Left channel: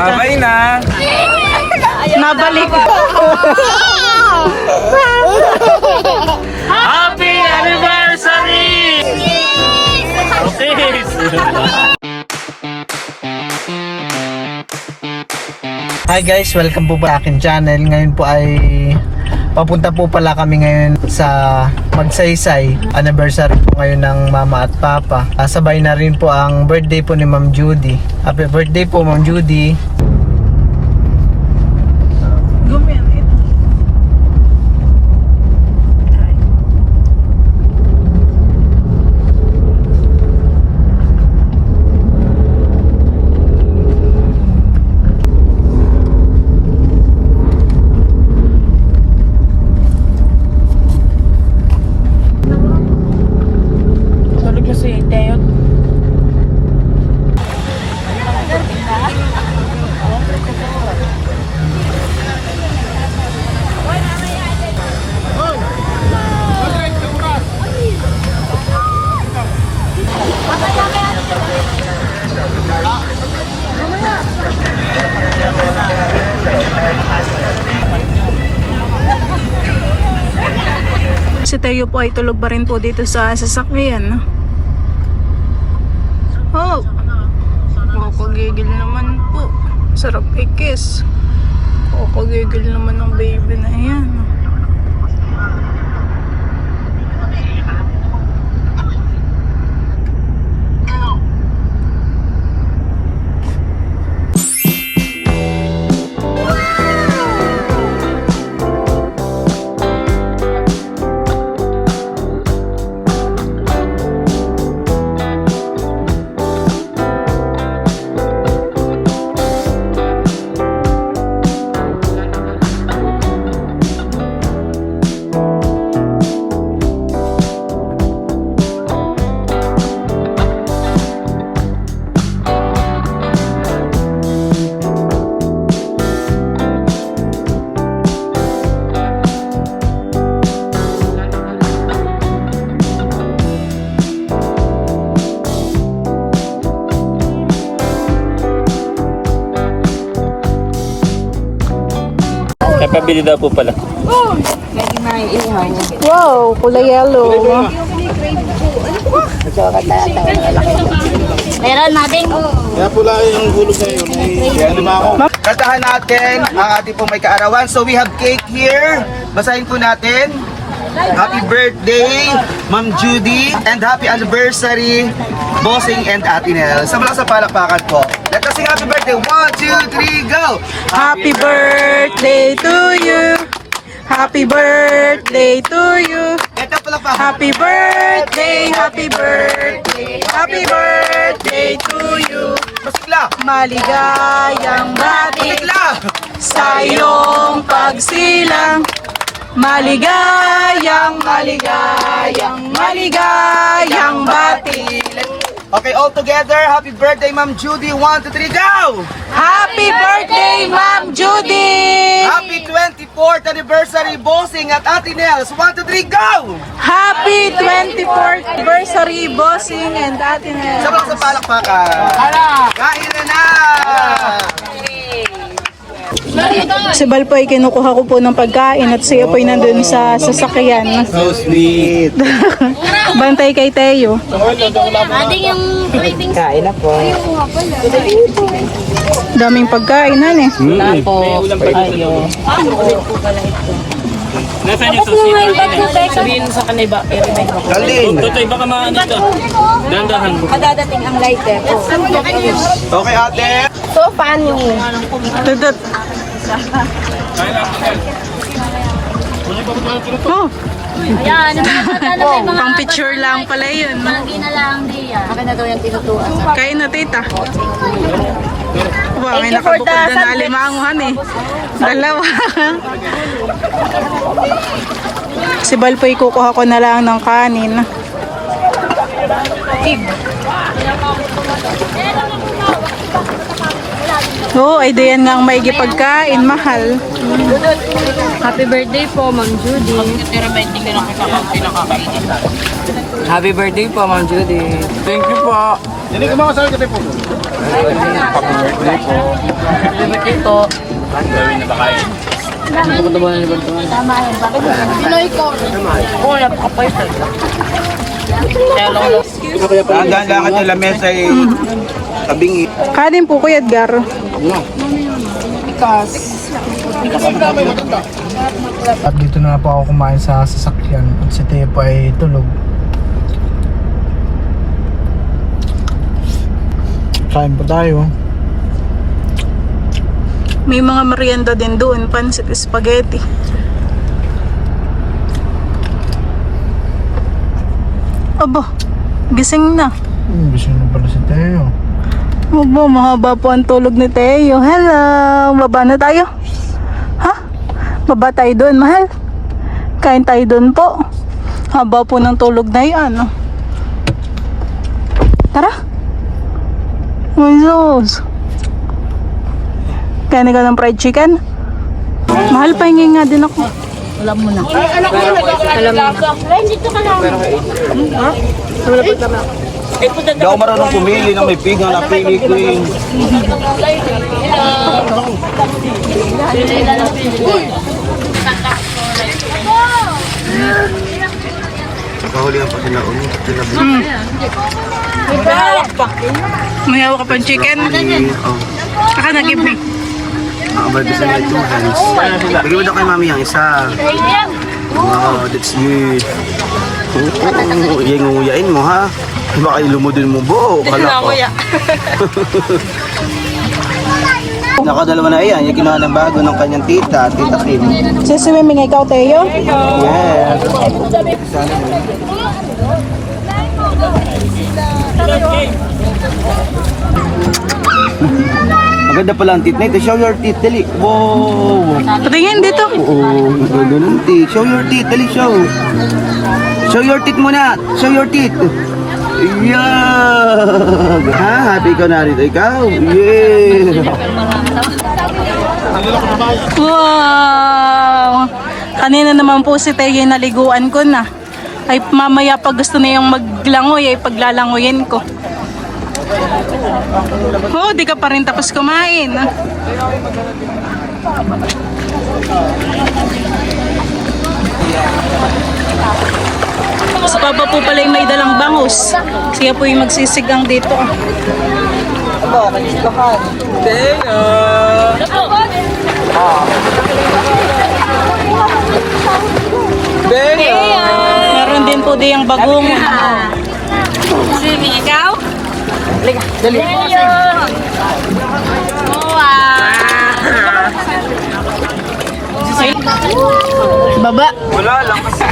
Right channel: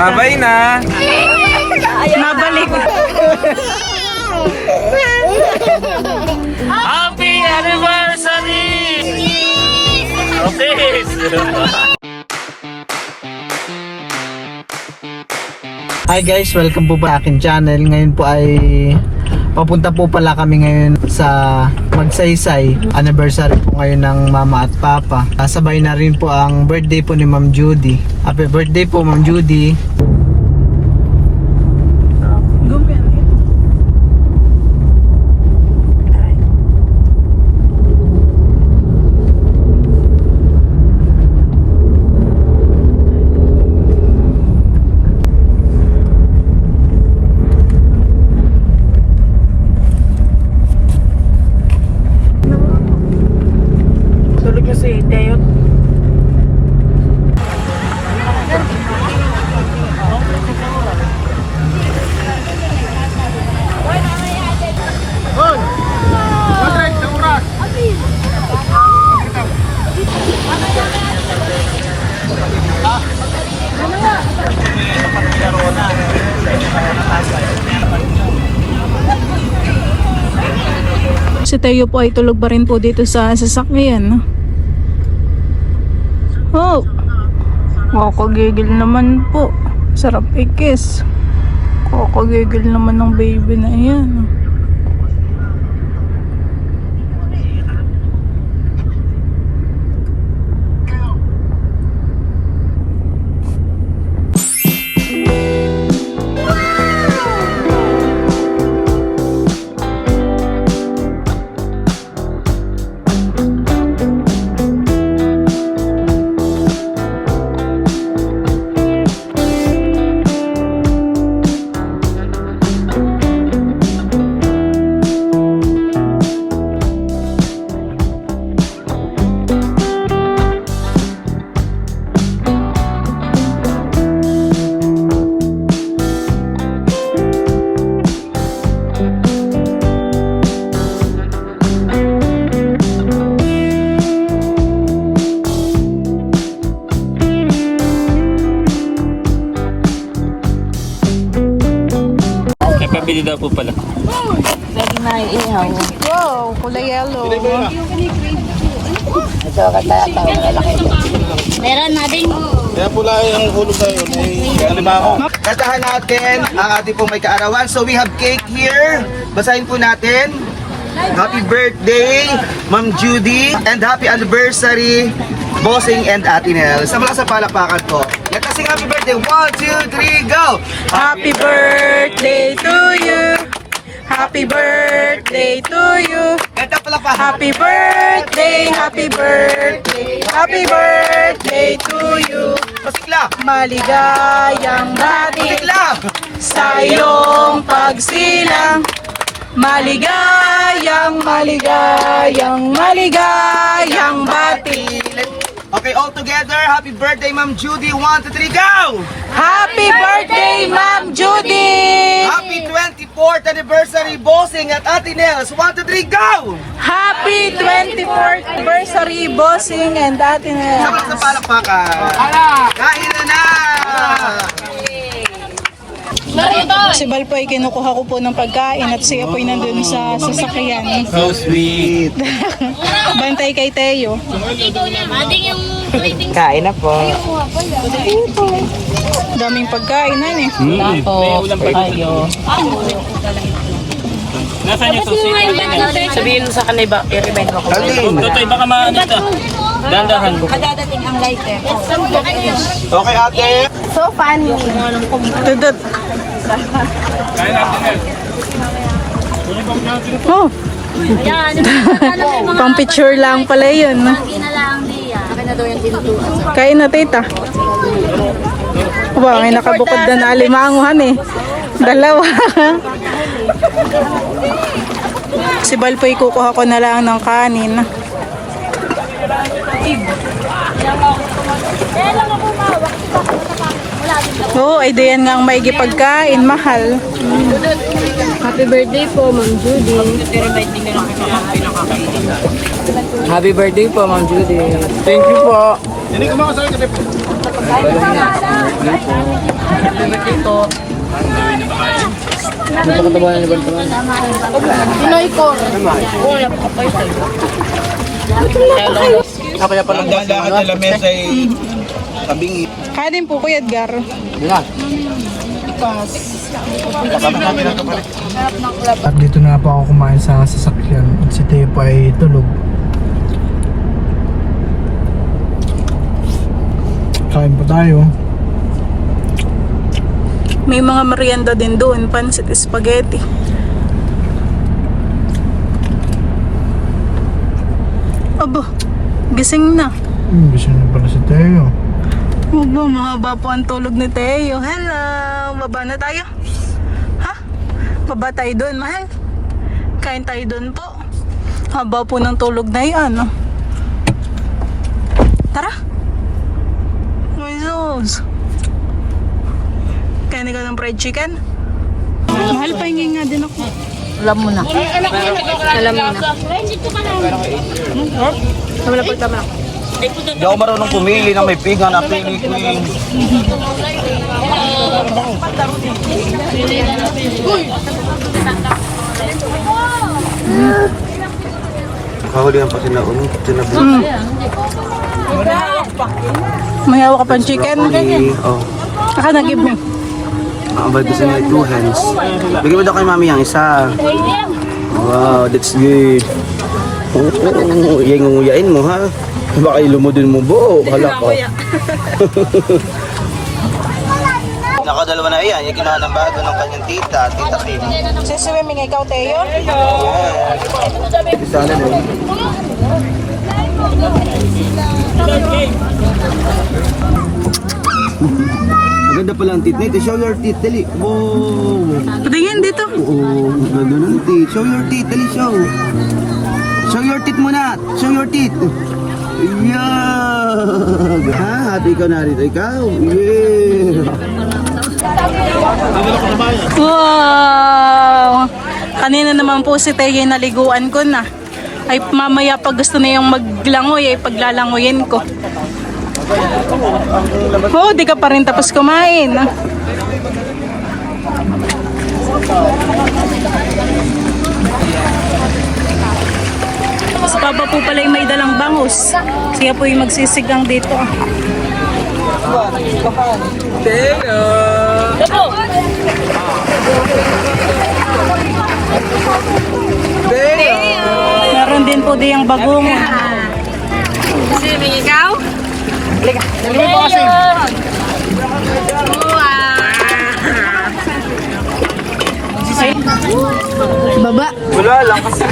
Babay na. Nabalik. Happy anniversary! Okay. Hi guys, welcome po sa akin channel. Ngayon po ay papunta po pala kami ngayon sa Magsaysay. Anniversary po ngayon ng mama at papa. Sabay na rin po ang birthday po ni Ma'am Judy. Happy birthday po Ma'am Judy. Si Teo po ay tulog pa rin po dito sa sasakyan. Oh, kakagigil naman po. Sarap ikis. Kakagigil naman ng baby na yan. Napabili daw po pala. Wow, kulay yellow. Meron natin. Kaya pula yung gulo sa Kantahan natin ang ating pong may kaarawan. So we have cake here. Basahin po natin. Happy birthday, Ma'am Judy, and happy anniversary, Bossing and Ate Nel. Sa mga sa palakpakan po. Let us sing happy birthday. 1, 2, 3, go! Happy birthday to you. Happy birthday to you. Ito palakpakan. Happy birthday, happy birthday, happy birthday to you. Pasikla! Maligayang bati Pasikla! sa iyong pagsilang. Maligayang, maligayang, maligayang bati. Okay, all together. Happy birthday, Ma'am Judy. 1, 2, 3, go! Happy birthday, Ma'am Judy! Happy 24th anniversary, Bossing at Ate Nels. 1, 2, 3, go! Happy 24th anniversary, Bossing and Ate Nel. Sa mga sa palakpakan. Kain na! Si Bal po ay kinukuha ko po ng pagkain at siya po ay nandun sa sasakyan. So sweet. Bantay kay Teo. Ating yung rating. Kain na po. Daming pagkain na eh. May ulam pa tayo. Nasaan yung Ba't mo nga yung bag mo, Teka? Sabihin mo sa kanay ba, i-remind mo ko. Galing. Tutoy, baka maano ito. Dandahan mo. Magdadating ang lighter. Okay, ate. Tugot. Kaya natin yan. Oh, Ayan, ano yung mga pang picture lang pala yun. lagi na lang diyan. Akin na daw yung tinutuan sa Kain na tita. Aba, may nakabukod na alimanguhan eh. Dalawa. Si Bal po ikukuha ko na lang ng kanin. Oo, ay diyan nga ang maigi pagkain, mahal. Happy birthday po, Ma'am Judy. Happy birthday po, Ma'am Judy. Thank you po. Hindi ko mga sabi po. Hanggang ka nila mesa ay tabingi. Kanin po Kuya Edgar. At dito na po ako kumain sa sasakyan at si Tepo ay tulog. Kain po tayo. May mga merienda din doon, pansit spaghetti. Aba, gising na. Gising na pala si Teo. Aba, mahaba po ang tulog ni Teo. Hello, baba na tayo. Ha? Baba tayo doon, mahal. Kain tayo doon po. Haba po ng tulog na yan. Tara. Ay, Diyos. Kain ka ng fried chicken? Mahal, pahingi nga din ako. Alam mo na. Hindi ako marunong pumili ng may pinggan. Napili ko yung... Kahuli ang pati na May hawak ka pang chicken? Oh. Aka na, give me. Abad gusto niya 2 hands. Bigyan mo daw kay mami ang isa. Wow, that's good. Yung nguyain mo ha. Baka ilumudin mo bo. Hala ko. Nakadalawa na yan. Yung ginawa ng bago ng kanyang tita. Tita Kim. Siswimming ikaw, Teo? Yes. Sana mo. Maganda pala ang teeth na ito. Show your teeth. Dali. Wow. Patingin dito. Oo. Maganda ng teeth. Show your teeth. Dali, show. Show your teeth muna. Show your teeth. Yeah. Ha? Happy ka na rito. Ikaw? Yeah. Wow! Kanina naman po si Teo naliguan ko na. Ay mamaya pag gusto na yung maglangoy ay paglalangoyin ko. Oh, di ka pa rin tapos kumain. Sa baba po pala yung may dalang bangus. Siya po yung magsisigang dito. Meron din po diyang bagungon. Ikaw? Liga. Baba. Wala lang kasi.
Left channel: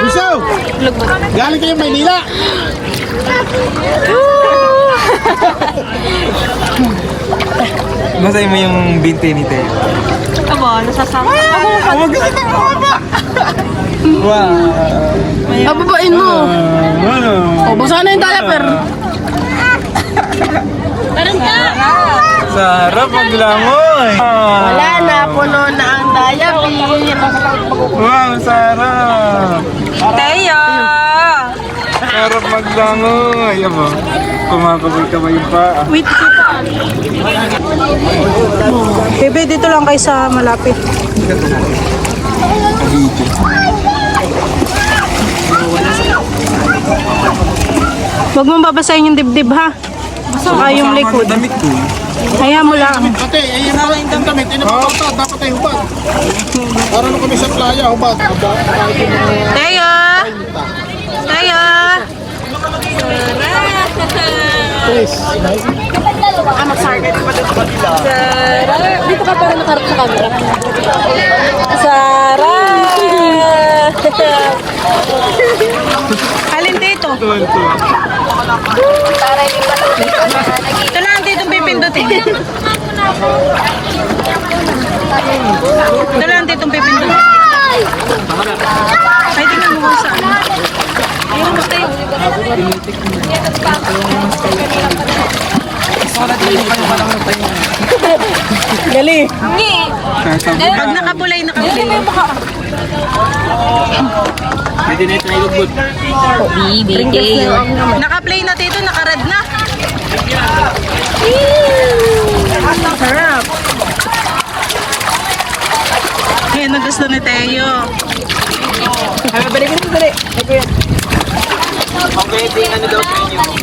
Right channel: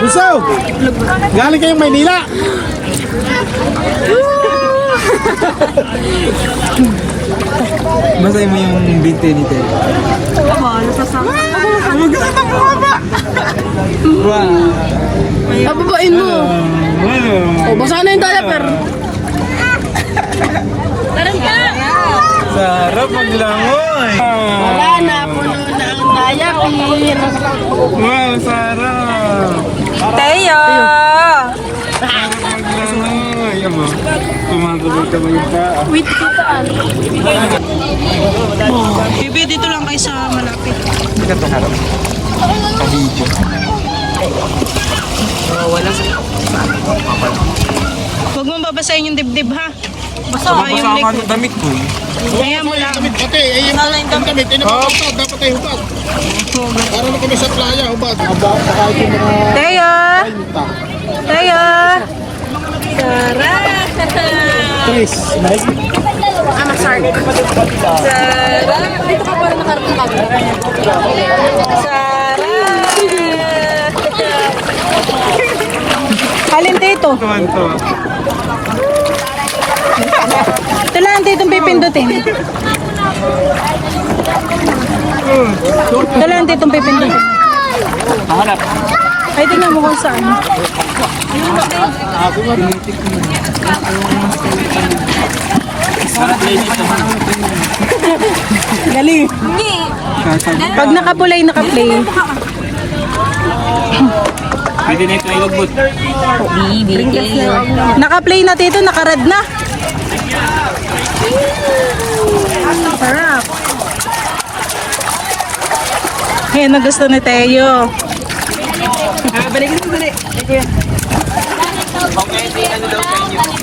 Gusto! Galing kayong Maynila! Masay mo yung binte ni Teo. Wow! Ababain mo. Ano? O, basa na yung diaper. Sa harap maglangoy. Wala na, puno na ang diaper. Wow, sarap. Teo! Sarap maglangoy. Yan mo. Kumakaboy ka ba yung paa? Wait, kitaan. Bebe, dito lang kayo sa malapit. Huwag mong babasahin yung dibdib ha. Saka yung likod. Damit ko. Kaya mo lang. Ate, ay yung mga indang damit, ay napapartad, dapat ay hubad. Para na kami sa playa, hubad. Teo! Teo! Please. Alin dito? Ito lang dito pipindutin. Ito lang dito pipindutin. Ay, tingnan mo kung saan. Gali. Pag nakapulay, nakapulay. Pwede na ito ilugbot. Naka-play na tito, naka-red na. Sarap. Yan ang gusto ni Teo.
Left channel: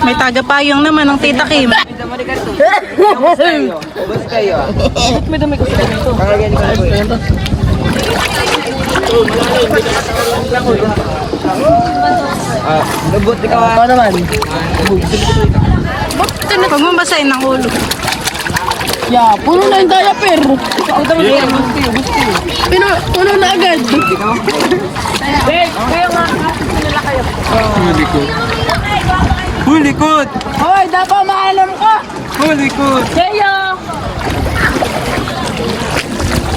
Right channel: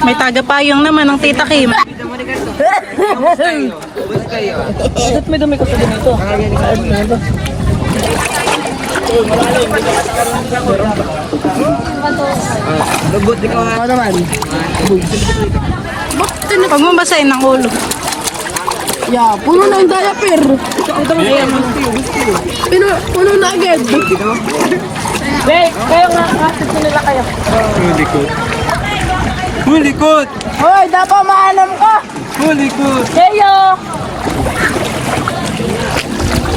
May tagapayong naman ang tita Kim. Pag mo basahin ng ulo. Puno na yung diaper. Puno na agad. Hulikot. Hulikot! Hoy, dapat maalam ko. Hulikot! Heyo.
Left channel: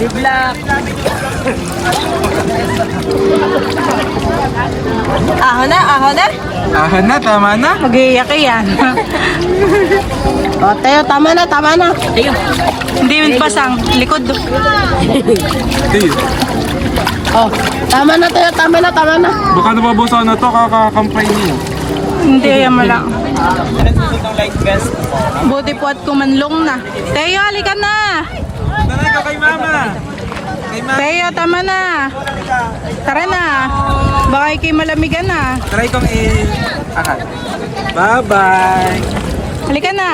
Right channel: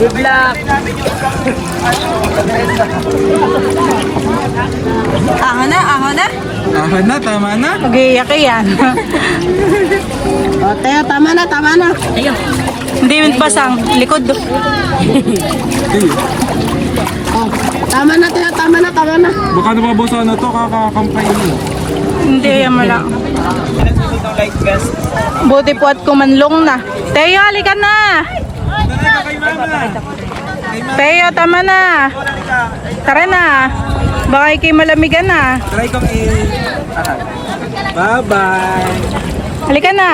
Good luck. Ahon na. Ahon na, tama na. Mag-iiyak yan. O, Teo, tama na. Hindi yun pasang likod. Hey, O, tama na, Teo, tama na. baka nababusaw na to, kakakampay niyo. Hindi yan mo lang. Buti po at kumanlong na. Teo, halika na. Nanay ka kay mama. Kay mama. Teo, tama na. Tara na. Baka ikay malamigan na. Try kong akal. Bye-bye. Halika na.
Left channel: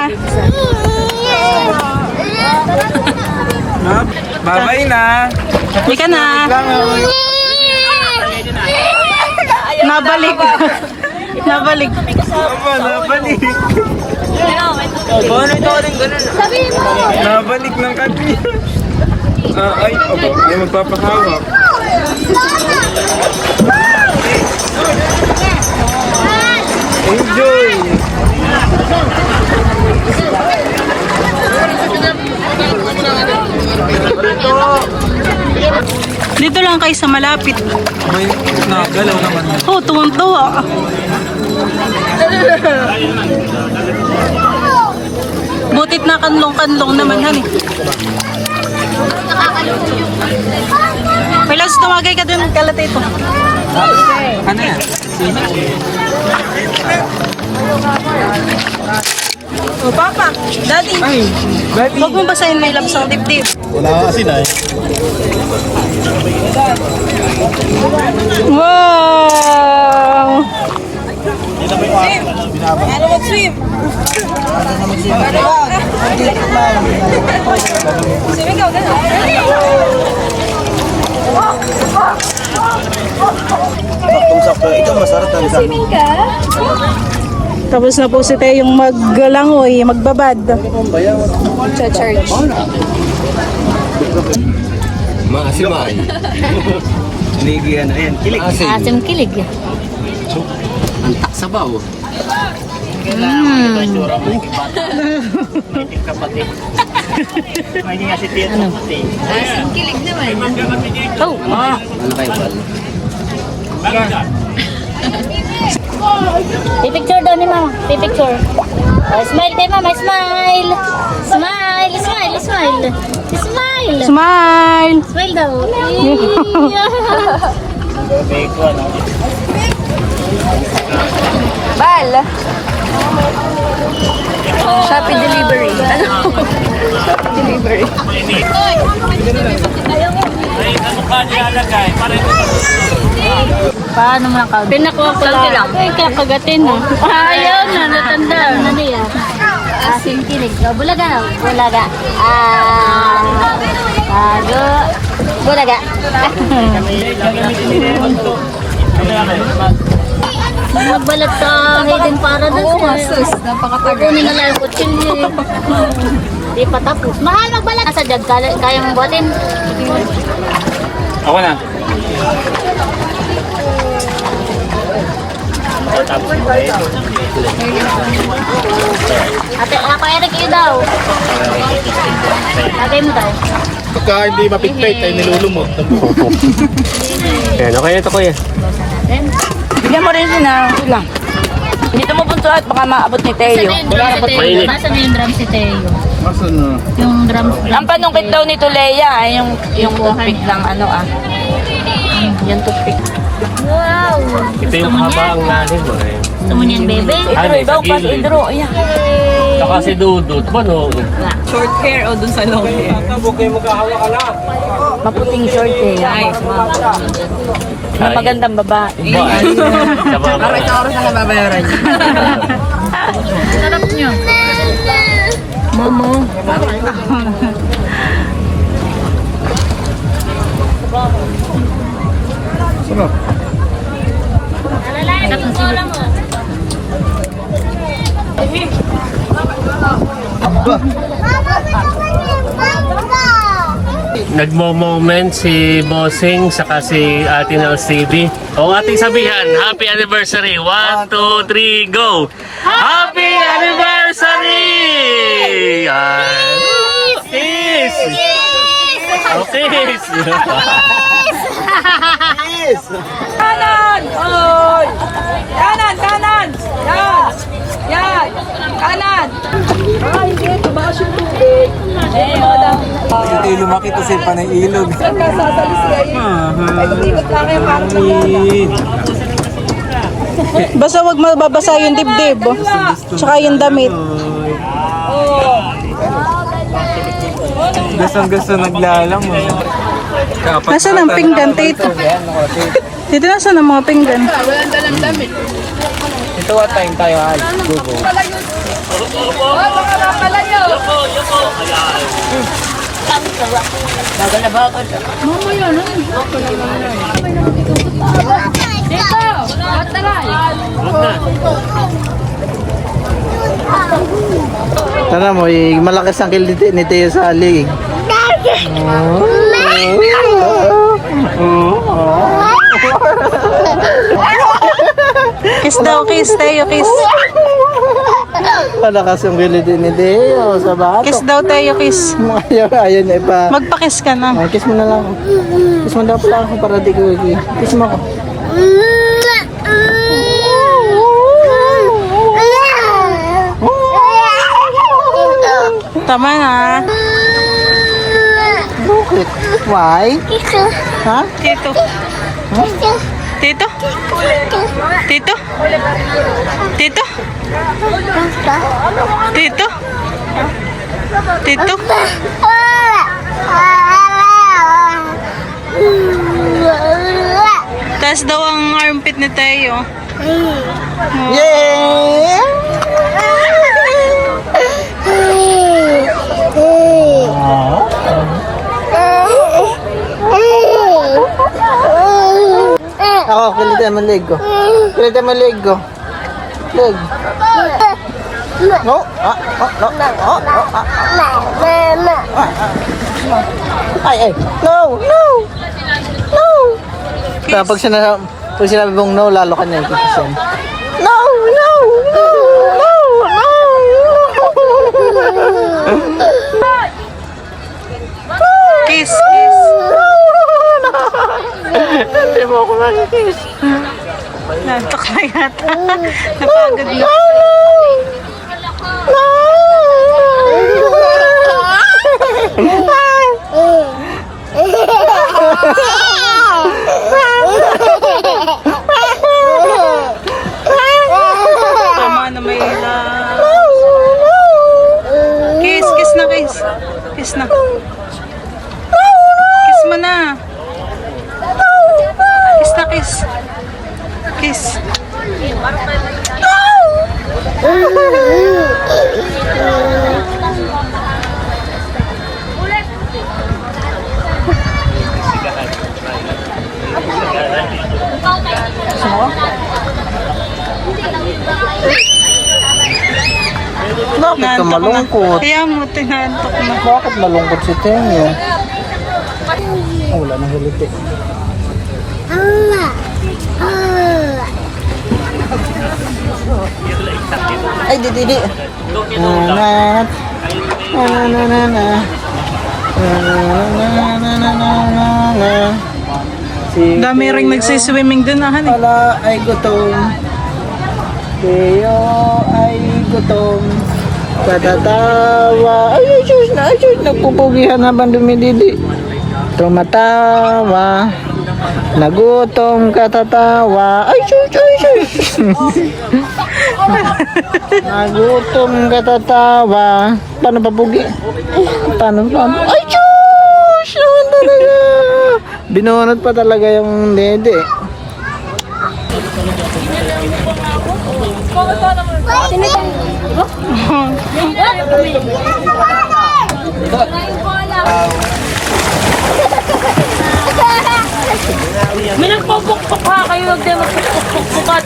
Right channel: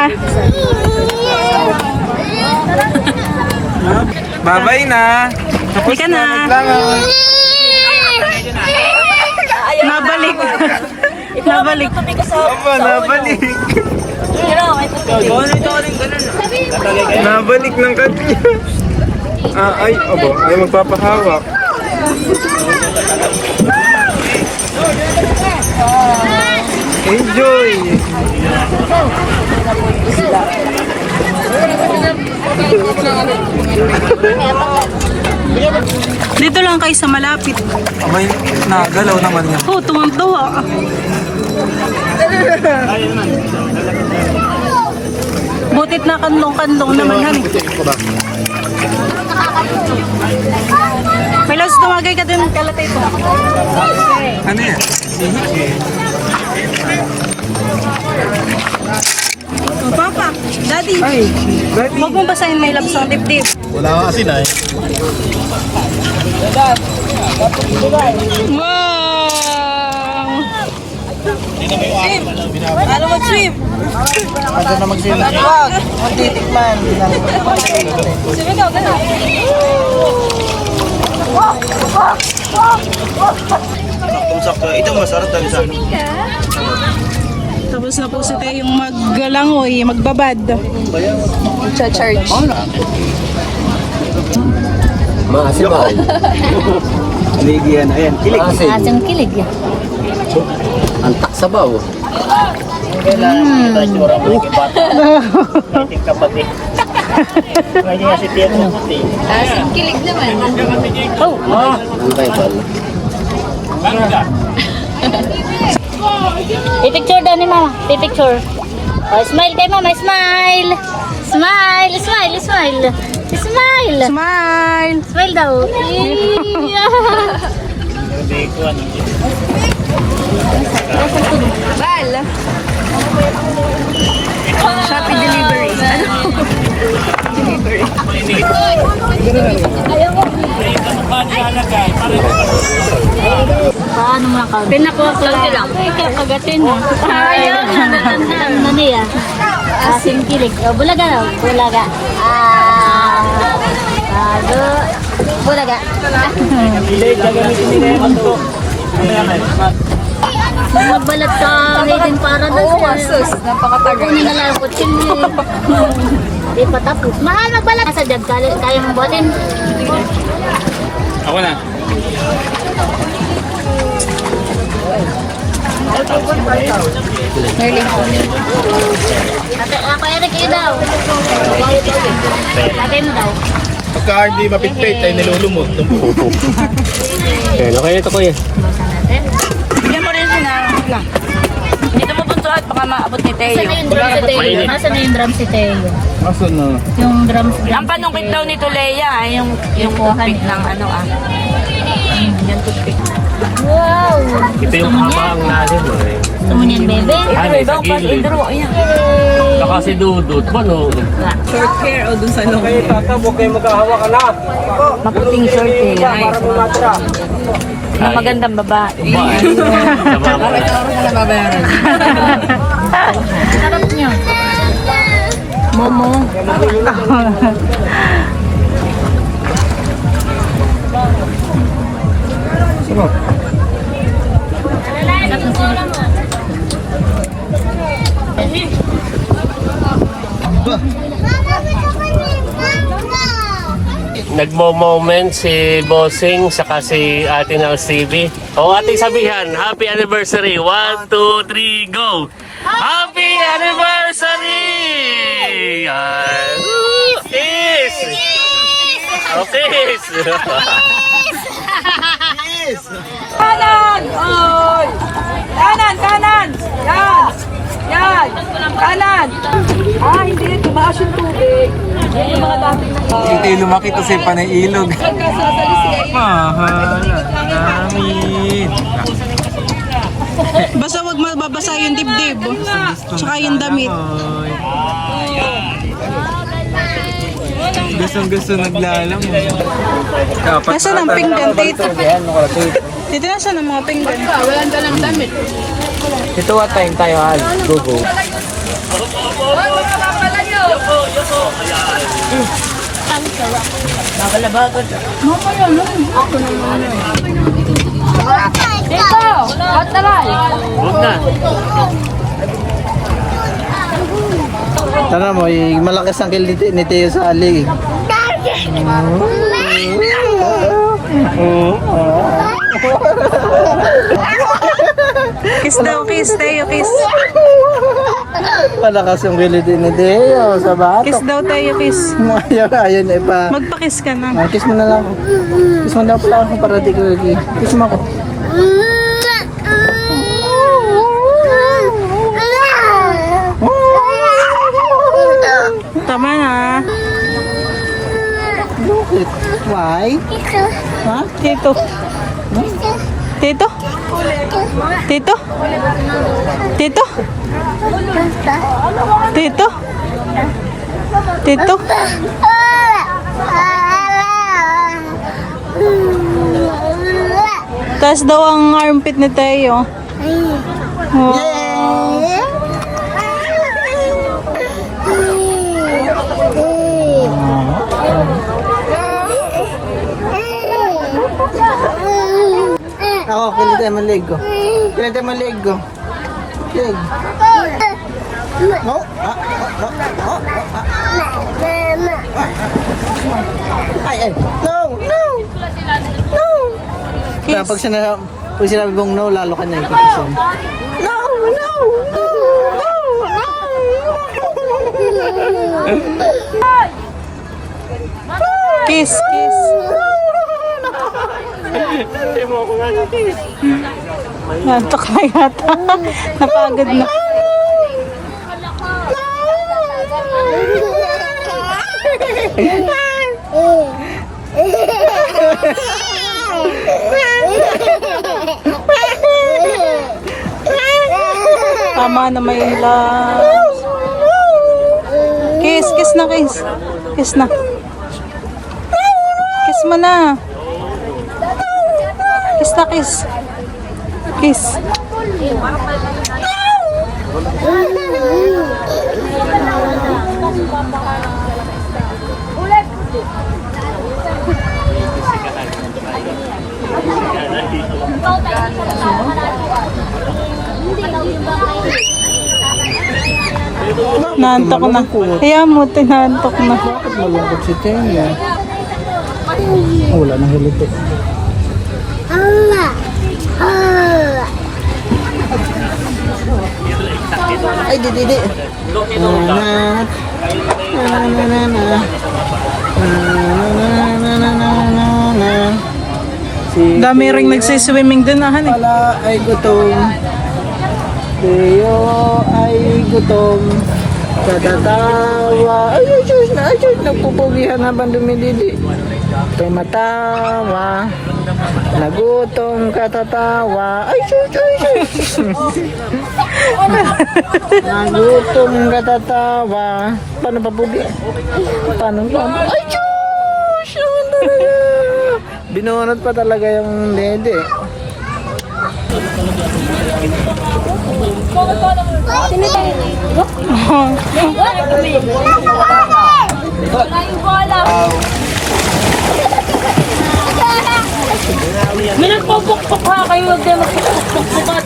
Bye-bye na. Tapos Halika na. maglangoy. Nabalik. Nabalik. Aba, nabalik. Nabalik ng kanina. Ay, aba, ay magpapahawak. Enjoy! Dito lang kayo sa malapit. Abay, nagalaw naman yan. Oh, tuwang-tuwa. Butit na kanlong-kanlong naman, hani. May lakas tumagay ka din, kalat ito. Ano yan? Papa, Daddy. Huwag mo basahin may labs ang dibdib. Wala ka kasi na eh. Wow! Ano mag-swim? Saktong-sakto. Ito masarap talaga sa amin. Tapos na po si Teo yung maglangoy, magbabad. Sa church. Ligi yan. Ayan, kilig. Asang kilig yan. Asang kilig naman. Oh. Picture daw ni mama. Picture. Smile kay mama. Smile. Smile. Smile. Smile! Smile daw. Bal. Shopee delivery. Delivery. Paano mo lang count? Pinakapala. Ay, kakagatin na. Ayaw na, natanda. Ano niya? Asin kilig. O, bulaga. Bulaga. Bago. Bulaga. Magbalat sa Hayden Paradise. Kukunin na lang yung kutsilyo. Di pa tapos. Mahal magbalat. Sa jag, kaya mong buhatin. Ako na. Ate, kaya rin kayo daw. Lagay mo daw. Pagka hindi mapitpit ay nilulumot ng buho. Bigyan mo rin na lang. Dito mo punto at baka maabot ni Teo. Nasaan na yung drum si Teo? Masa na? Yung drum. Ang panungkit daw nito Leia ay yung big lang ano ah. Yung toothpick. Wow! Ito yung haba ang lalim mo eh. Gusto mo niyan, bebe? Ano eh, sa gilid. Yay! Saka si Dudut pa no. Short hair o dun sa long hair? Maputing short hair. Nice. Ang magandang babae. Bakit oras na nababayaran? Sarap niyo. Momo. Sarap. Nagmo-moment si Bossing saka si Ate Nels TV. O ating sabihan, happy anniversary. 1, 2, 3, go! Happy anniversary! Yan. Kiss! Okay. Kanan! Oy! Kanan! Kanan! Yan! Yan! Kanan! Ah, hindi. Tumaas yung tubig. Hindi lumaki to sa panailog. Nagkasasali siya eh. Ay, lumigot lang yan. Parang Amin. Basta wag mababasa yung dibdib. Tsaka yung damit. Gustong-gusto naglalam mo. Nasaan ang pinggan, Tito? Dito nasaan ang mga pinggan? Ito what time tayo, Al? Go. Tara mo, malakas ang kill ni Teo sa alig. Kiss daw, kiss, Teo, kiss. Malakas ang kill ni Teo sa batok. Kiss daw, Teo, kiss. Ayaw niya pa. Magpakiss ka na. Kiss mo na lang ako. Kiss mo daw pala ako para di ko. Kiss mo ako. Tama na. Bakit? Why? Ha? Tito. Tito? Tito? Tito? Tito? Tito? Taas daw ang armpit ni Teo. Yay! Ako, kilitan mo leg ko. Kilitan mo leg ko. Leg. No. No. Ay. No. Pag sinabi mong no, lalo ka na ikikisan. No. Kiss. Hindi mo ako makikiss. Nantok na yata. Napagod na. Tama na may love. Kiss na, kiss. Kiss na. Kiss mo na. Kiss na, kiss. Kiss. Nantok na. Kaya mo, tinantok na. Bakit malungkot si Tenya? Wala nang hiliti. Ay, di. Dami ring nagsiswimming dun, han. Pala ay gutom. Teo ay gutom. Patatawa. Ay, Diyos. Nagpupugihan habang dumididi. Tumatawa. Nagutom katatawa. Ay, shush, shush, shush. Nagutom katatawa. Paano ba, Pugi? Paano ba? Ay, shush! Naman talaga. Binunod pa talaga yung dede. May nagpupukpuk ha kayo, huwag tayo magpupukpukat.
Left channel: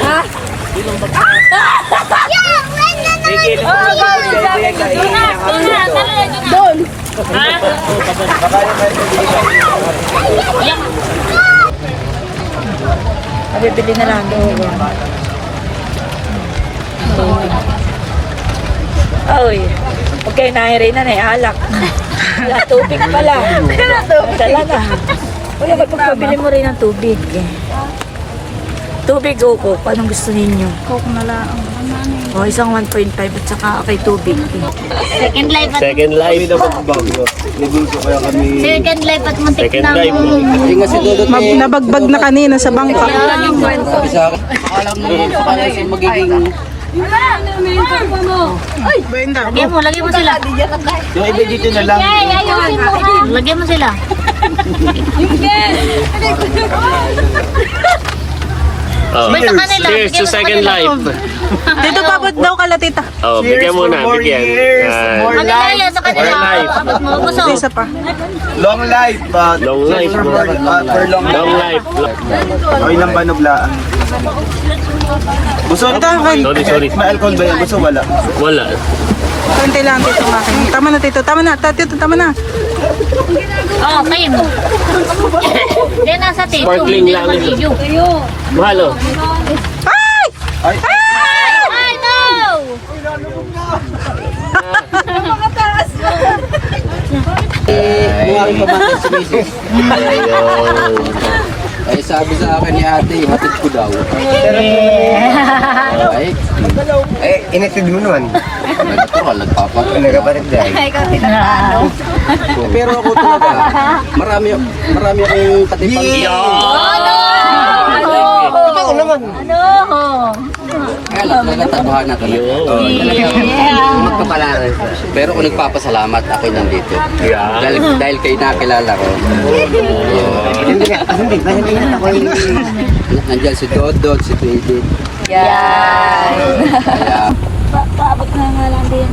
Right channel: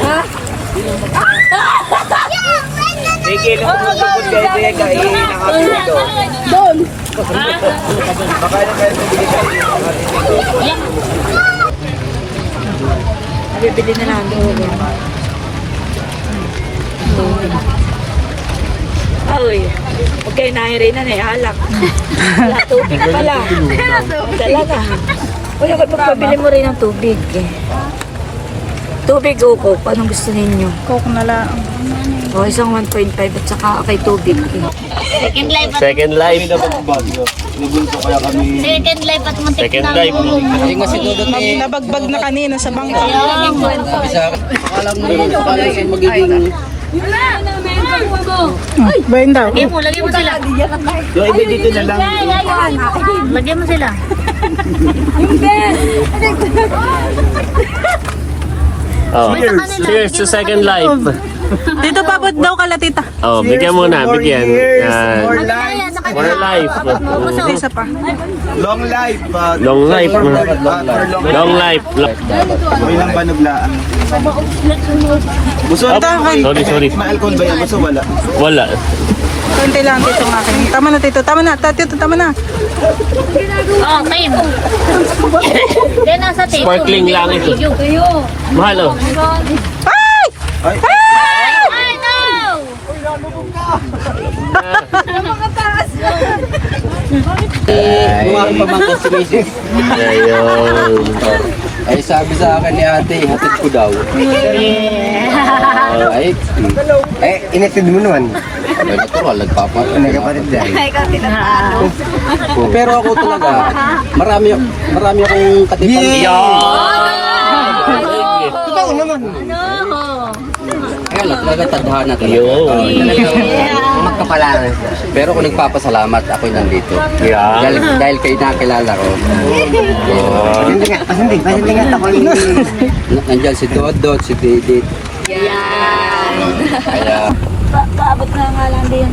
Ha? Oo, gawin sa akin. Doon. Bibili na lang. Oy, huwag kayo nahirin na alak. Wala tubig na pala. Wala tubig. Talaga. Uy, pabili mo rin ng tubig. Tubig o coke? Anong gusto ninyo? Coke na lang. O, isang 1.5 at saka kay tubig. Second life at Second life. second life at muntik Second na. life. Hindi nga si Dudut eh. Nabagbag na kanina sa bangka. Sabi sa akin. Alam siya magiging... Bayan daw. Lagyan mo sila. Yung iba dito na lang. Lagyan mo sila. Oh. Wait, sa kanila. Cheers to Bigyan mo second kanila. life. Tito, pabot daw kala tita. Oh, bigyan mo na, More bigyan. years, Yan. more Magkakaya life, sa kanila. More life. Maubos Isa pa. long life. Long life. For long life. Long life. Oy, nang banuglaan. Gusto Sorry. May alcohol ba yan? Gusto wala. Wala. Kunti lang tito ng akin. Tama na tito, tama na. Tito, tama na. Oo, kayo mo. Yan nasa tito. Sparkling lang ito. Mahal oh. Ay! Ay, no! Buwari pa mata si Mrs. Eh, sabi sa akin ni ate, hatid ko daw. Ay, Inatid mo naman. ano natural, nagpapat. Nagapalit dahil. Pero ako talaga, marami akong katipan. Totoo naman. Kaya lang, natatadhana talaga. Magkapalang. Pero kung nagpapasalamat, ako nandito. Yan. Dahil kayo nakilala ko. Hindi nga. Hindi nga ako yung... Nandiyan si Dodot, si Baby. Yan. Kaya, Paabot nga nga lang din.